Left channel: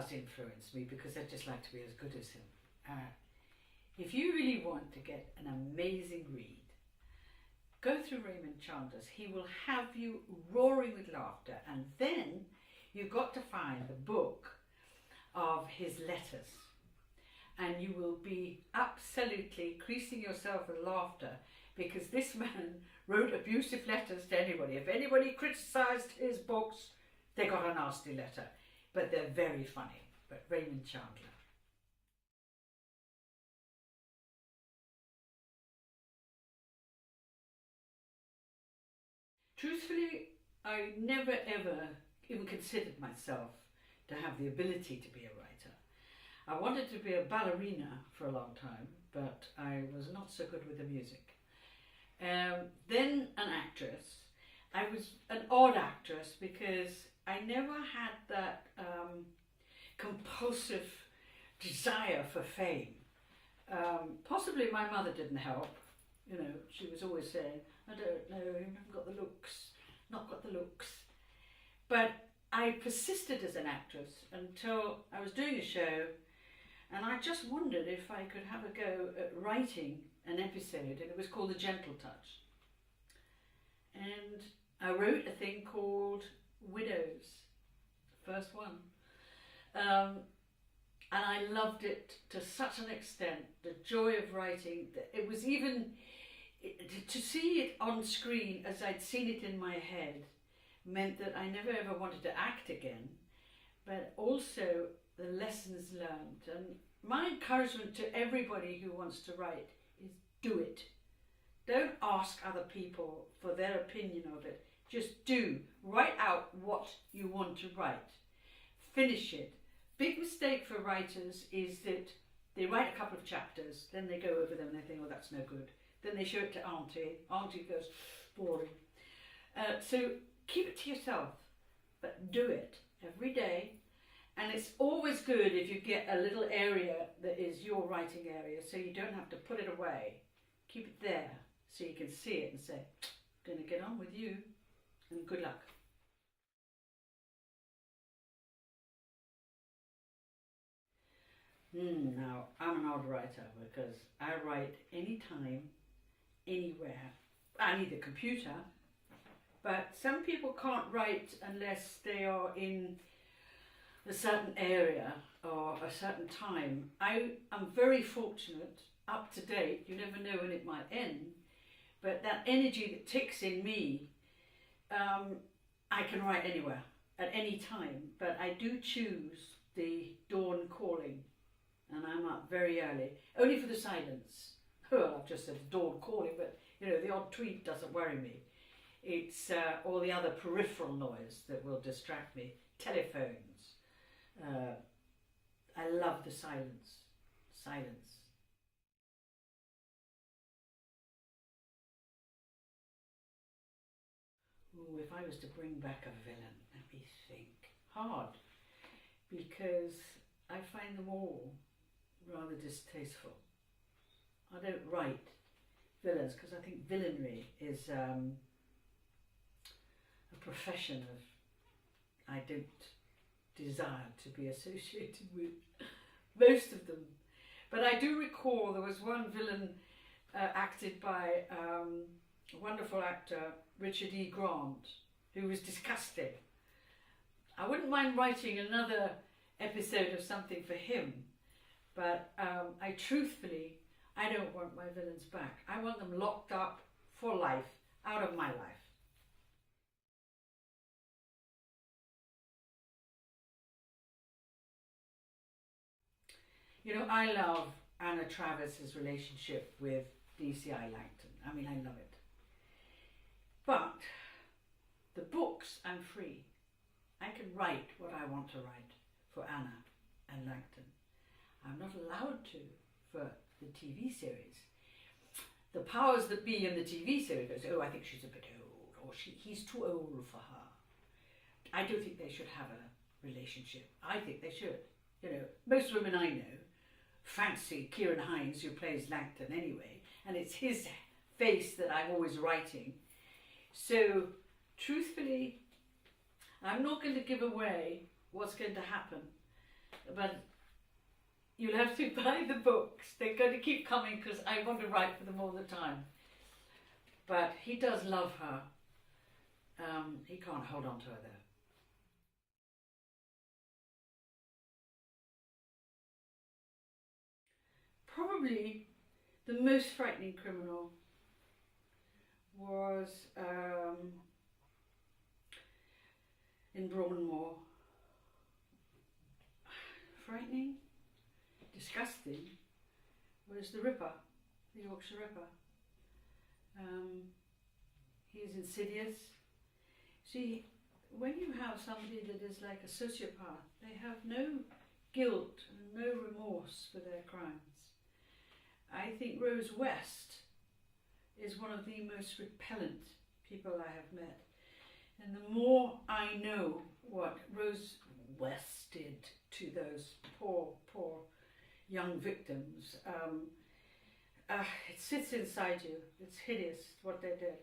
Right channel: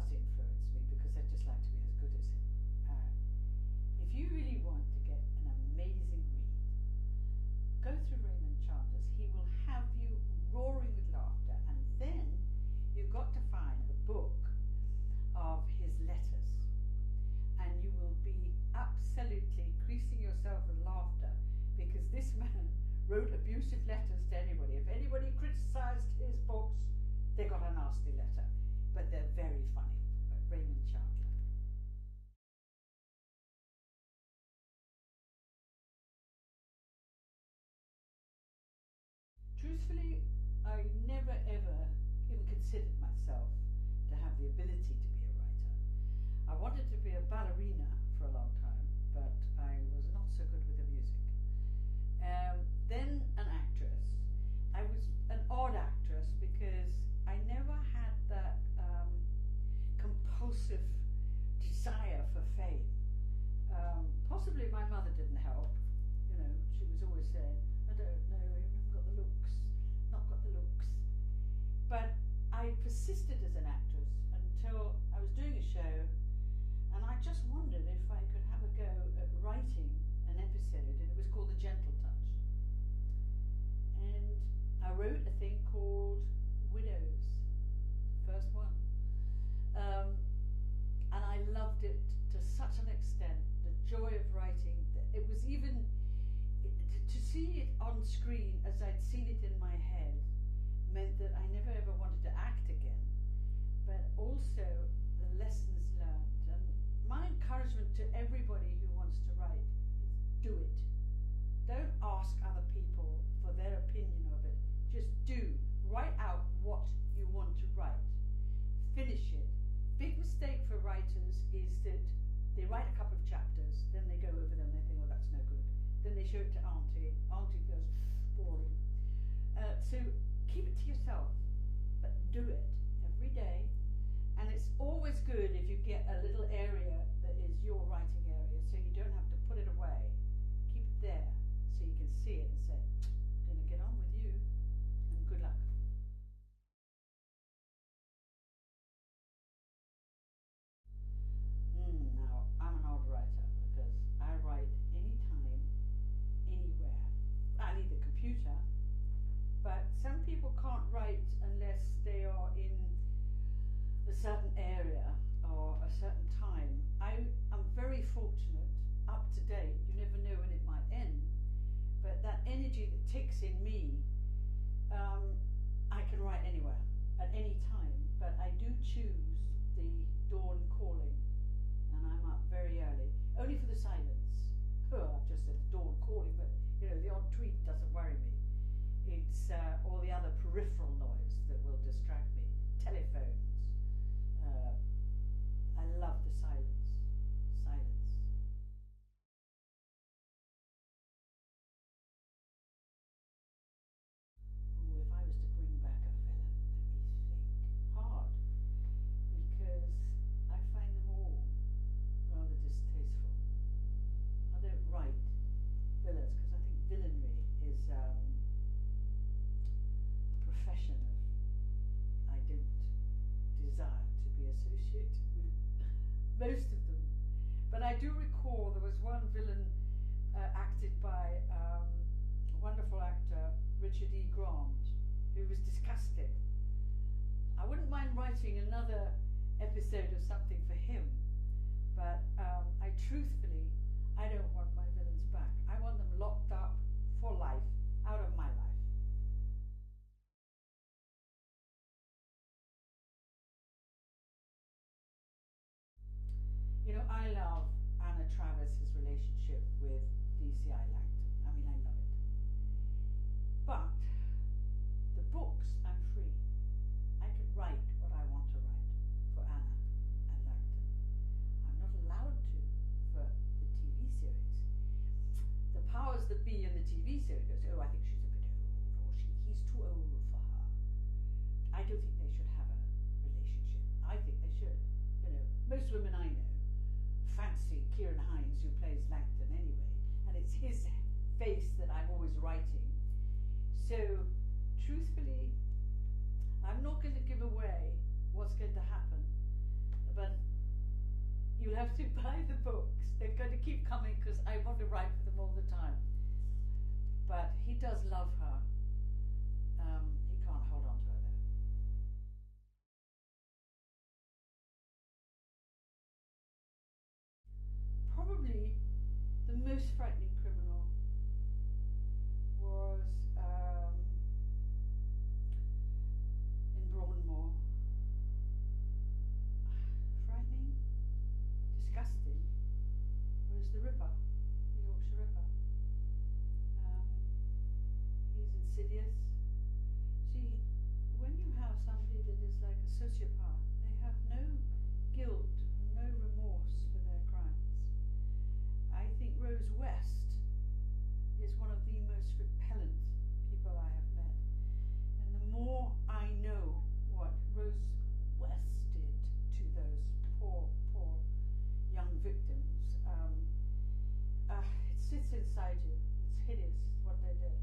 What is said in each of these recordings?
does influence me because I just like to be as good as him. If you really want to get an amazing read, go through Raymond Chandler's. He will have you roaring with laughter, and then you've got to find the book of his letters, and you will be absolutely creasing yourself with laughter, because this man wrote abusive letters to anybody. If anybody criticised his books, they got a nasty letter, but they're very funny. But Raymond Chandler. Truthfully, I never ever even considered myself to have the ability to be a writer. I wanted to be a ballerina for a long time, but I was not so good with the music. Then an actress. I was an odd actress because I never had that compulsive desire for fame. Possibly my mother didn't help. You know, she was always saying, I don't know, you haven't got the looks, not got the looks. But I persisted as an actress until I was doing a show, and I just wondered if I could have a go at writing an episode, and it was called The Gentle Touch. And I wrote a thing called Widows, the first one. And I loved it to such an extent, the joy of writing, that it was even, to see it on screen as I'd seen it in my head meant that I never ever wanted to act again, but also the lessons learned. And my encouragement to everybody who wants to write is do it. Don't ask other people for their opinion of it. Just do. Write out what you want to write. Finish it. Big mistake for writers is that they write a couple of chapters, then they go over them and they think, oh, that's no good. Then they show it to Auntie. Auntie goes, boring. So keep it to yourself, but do it every day. And it's always good if you get a little area that is your writing area, so you don't have to put it away. Keep it there so you can see it and say, I'm going to get on with you, and good luck. Now, I'm an odd writer because I write anytime, anywhere. I need a computer, but some people can't write unless they are in a certain area or a certain time. I am very fortunate, up to date. You never know when it might end, but that energy that ticks in me, I can write anywhere at any time, but I do choose the dawn calling, and I'm up very early, only for the silence. Oh, I've just said dawn calling, but you know, the odd tweet doesn't worry me. It's all the other peripheral noise that will distract me. Telephones. I love the silence. Silence. Ooh, if I was to bring back a villain, let me think. Hard, because I find them all rather distasteful. I don't write villains because I think villainy is a profession of I don't desire to be associated with, most of them. But I do recall there was one villain acted by a wonderful actor, Richard E. Grant, who was disgusting. I wouldn't mind writing another episode of something for him, but I truthfully, I don't want my villains back. I want them locked up for life, out of my life. You know, I love Anna Travis's relationship with DCI Langton. I mean, I love it. But the books, I'm free. I can write what I want to write for Anna and Langton. I'm not allowed to for the TV series. The powers that be in the TV series goes, oh, I think she's a bit old, or he's too old for her. I don't think they should have a relationship. I think they should. You know, most women I know fancy Kieran Hines, who plays Langton anyway, and it's his face that I'm always writing. So, truthfully, I'm not going to give away what's going to happen, but you'll have to buy the books. They're going to keep coming because I want to write for them all the time. But he does love her. He can't hold on to her though. Probably the most frightening criminal was in Broadmoor. Frightening, disgusting was the Ripper, the Yorkshire Ripper. He's insidious. See, when you have somebody that is like a sociopath, they have no guilt and no remorse for their crimes. I think Rose West is one of the most repellent people I have met. And the more I know what Rose West did to those poor young victims, it sits inside you. It's hideous what they did.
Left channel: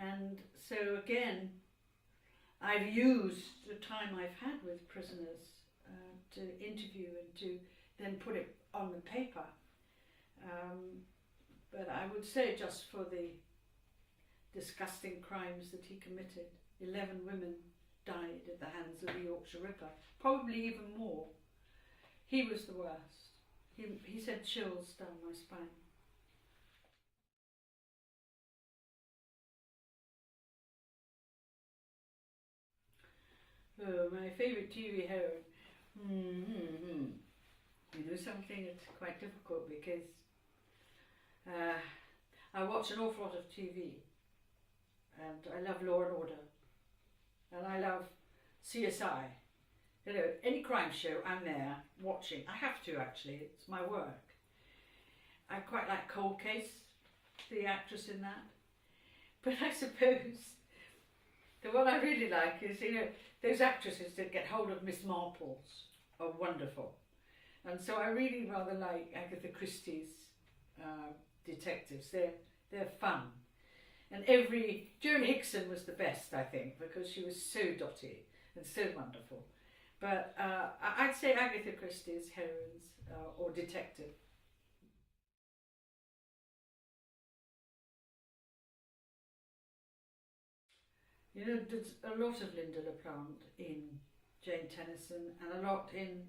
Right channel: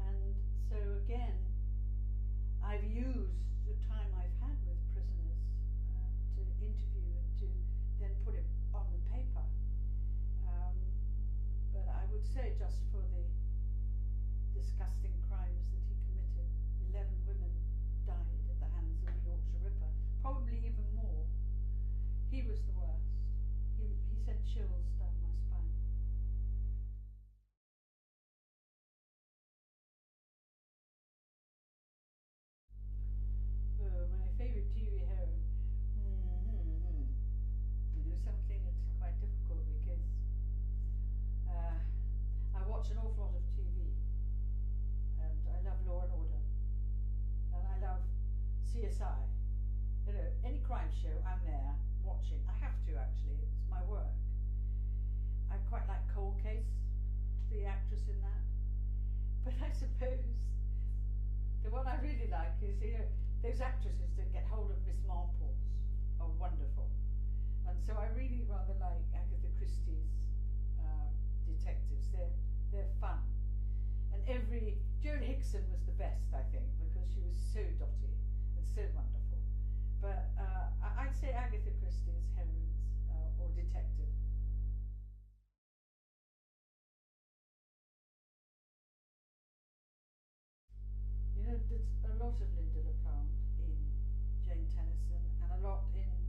And so again, I've used the time I've had with prisoners to interview and to then put it on the paper. But I would say, just for the disgusting crimes that he committed, 11 women died at the hands of the Yorkshire Ripper, probably even more. He was the worst. He sent chills down my spine. Oh, my favourite TV heroine. You know something, it's quite difficult because I watch an awful lot of TV, and I love Law and Order, and I love CSI. You know, any crime show, I'm there watching. I have to, actually, it's my work. I quite like Cold Case, the actress in that. But I suppose the one I really like is, you know, those actresses that get hold of Miss Marples are wonderful. And so I really rather like Agatha Christie's detectives. They're fun. And Joan Hickson was the best, I think, because she was so dotty and so wonderful. But I'd say Agatha Christie's heroines or detective. You know, there's a lot of Lynda La Plante in Jane Tennyson and a lot in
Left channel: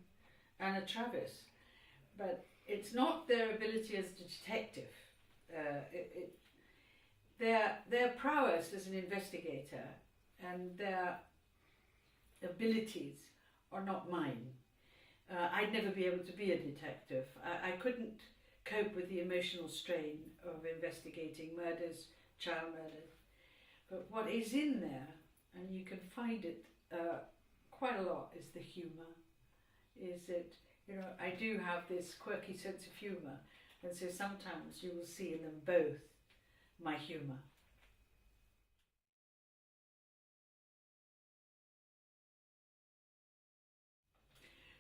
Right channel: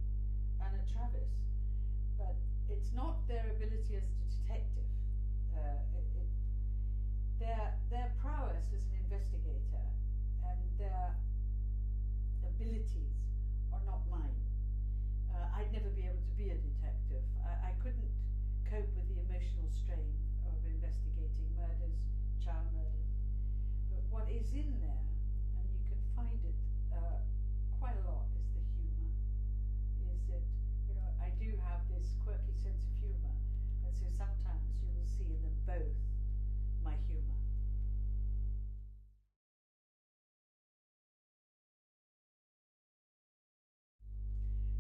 Anna Travis, but it's not their ability as a detective. Their prowess as an investigator and their abilities are not mine. I'd never be able to be a detective. I couldn't cope with the emotional strain of investigating murders, child murders. But what is in there, and you can find it quite a lot, is the humour. Is that, you know, I do have this quirky sense of humour, and so sometimes you will see in them both my humour.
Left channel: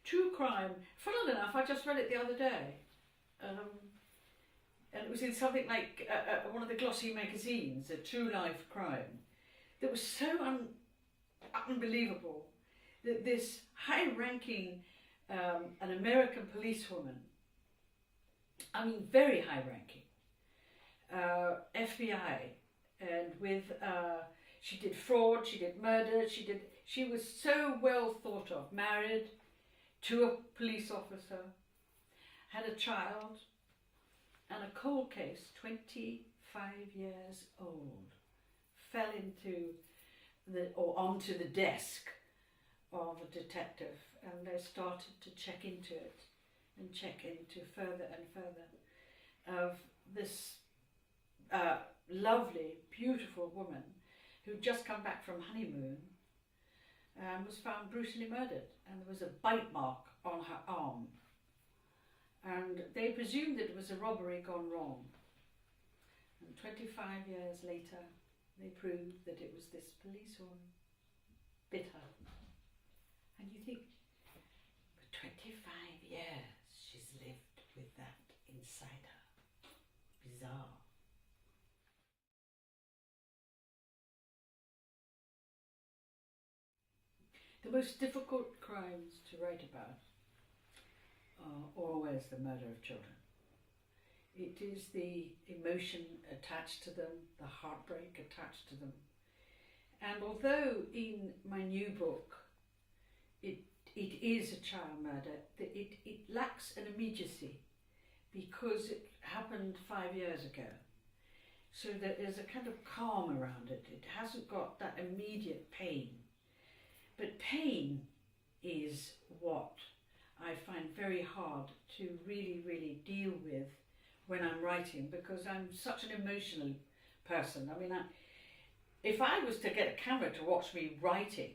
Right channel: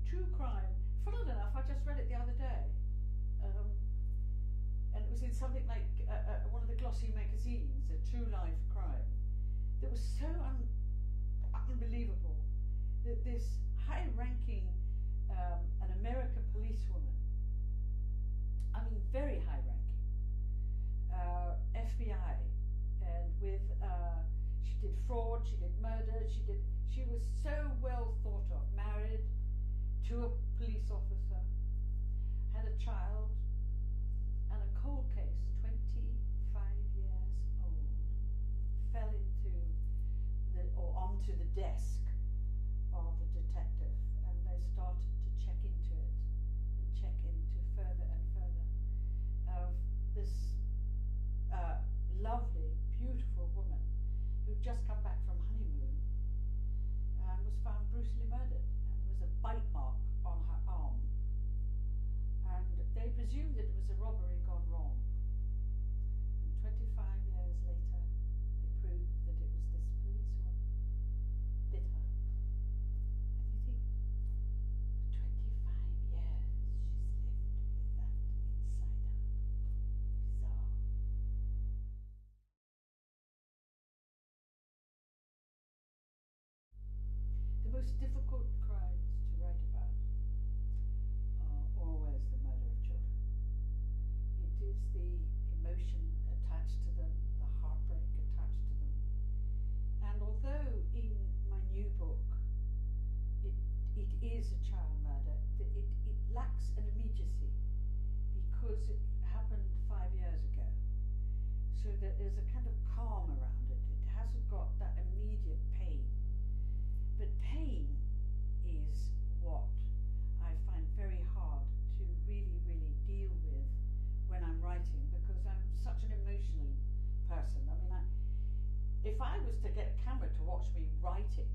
True crime, funnily enough, I just read it the other day. And it was in something like one of the glossy magazines, a true life crime, that was so unbelievable that this high-ranking, an American policewoman, I mean very high-ranking, FBI, and with she did fraud, she did murder, she was so well thought of, married to a police officer, had a child, and a cold case, 25 years old, fell into onto the desk of a detective, and they started to check into it and check into further and further of this lovely, beautiful woman who'd just come back from honeymoon and was found brutally murdered, and there was a bite mark on her arm. And they presumed that it was a robbery gone wrong. And 25 years later, they proved that it was this policewoman. Bitter. And you think, for 25 years, she's lived with that inside her. Bizarre. The most difficult crimes to write about always the murder of children. It is the emotion attached to them, the heartbreak attached to them. And although in my new book it is a child murder, it lacks an immediacy because it happened 5 years ago. So that there's a kind of calm around it. It hasn't got that immediate pain. But pain is what I find very hard to really, really deal with when I'm writing, because I'm such an emotional person. I mean, if I was to get a camera to watch me writing,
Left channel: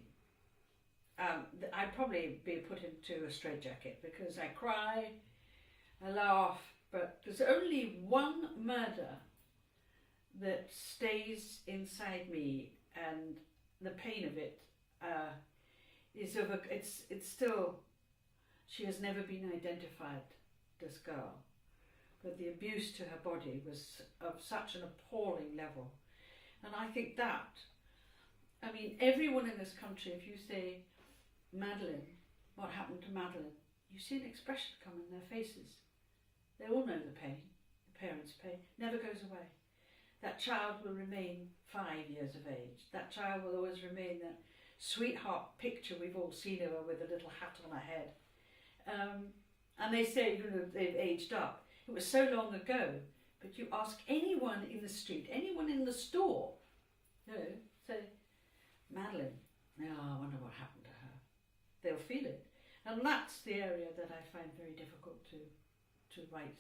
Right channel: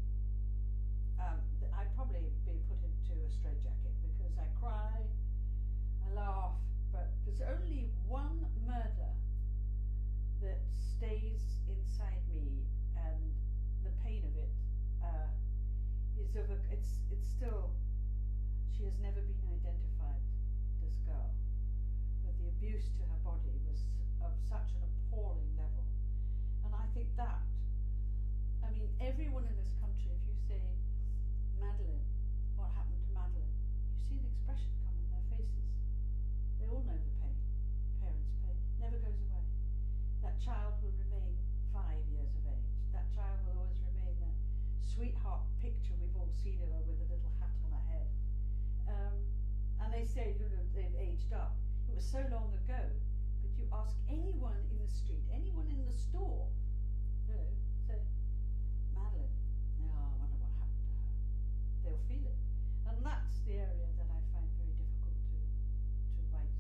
I'd probably be put into a straitjacket because I cry, I laugh, but there's only one murder that stays inside me, and the pain of it is it's still, she has never been identified, this girl, but the abuse to her body was of such an appalling level. And I think that, I mean, everyone in this country, if you say Madeline, what happened to Madeline, you see an expression come in their faces. They all know the pain, the parents' pain, never goes away. That child will remain 5 years of age. That child will always remain that sweetheart picture we've all seen of her with a little hat on her head. And they say, you know, they've aged up. It was so long ago, but you ask anyone in the street, anyone in the store, you know, say, Madeline, oh, I wonder what happened to her. They'll feel it. And that's the area that I find very difficult to write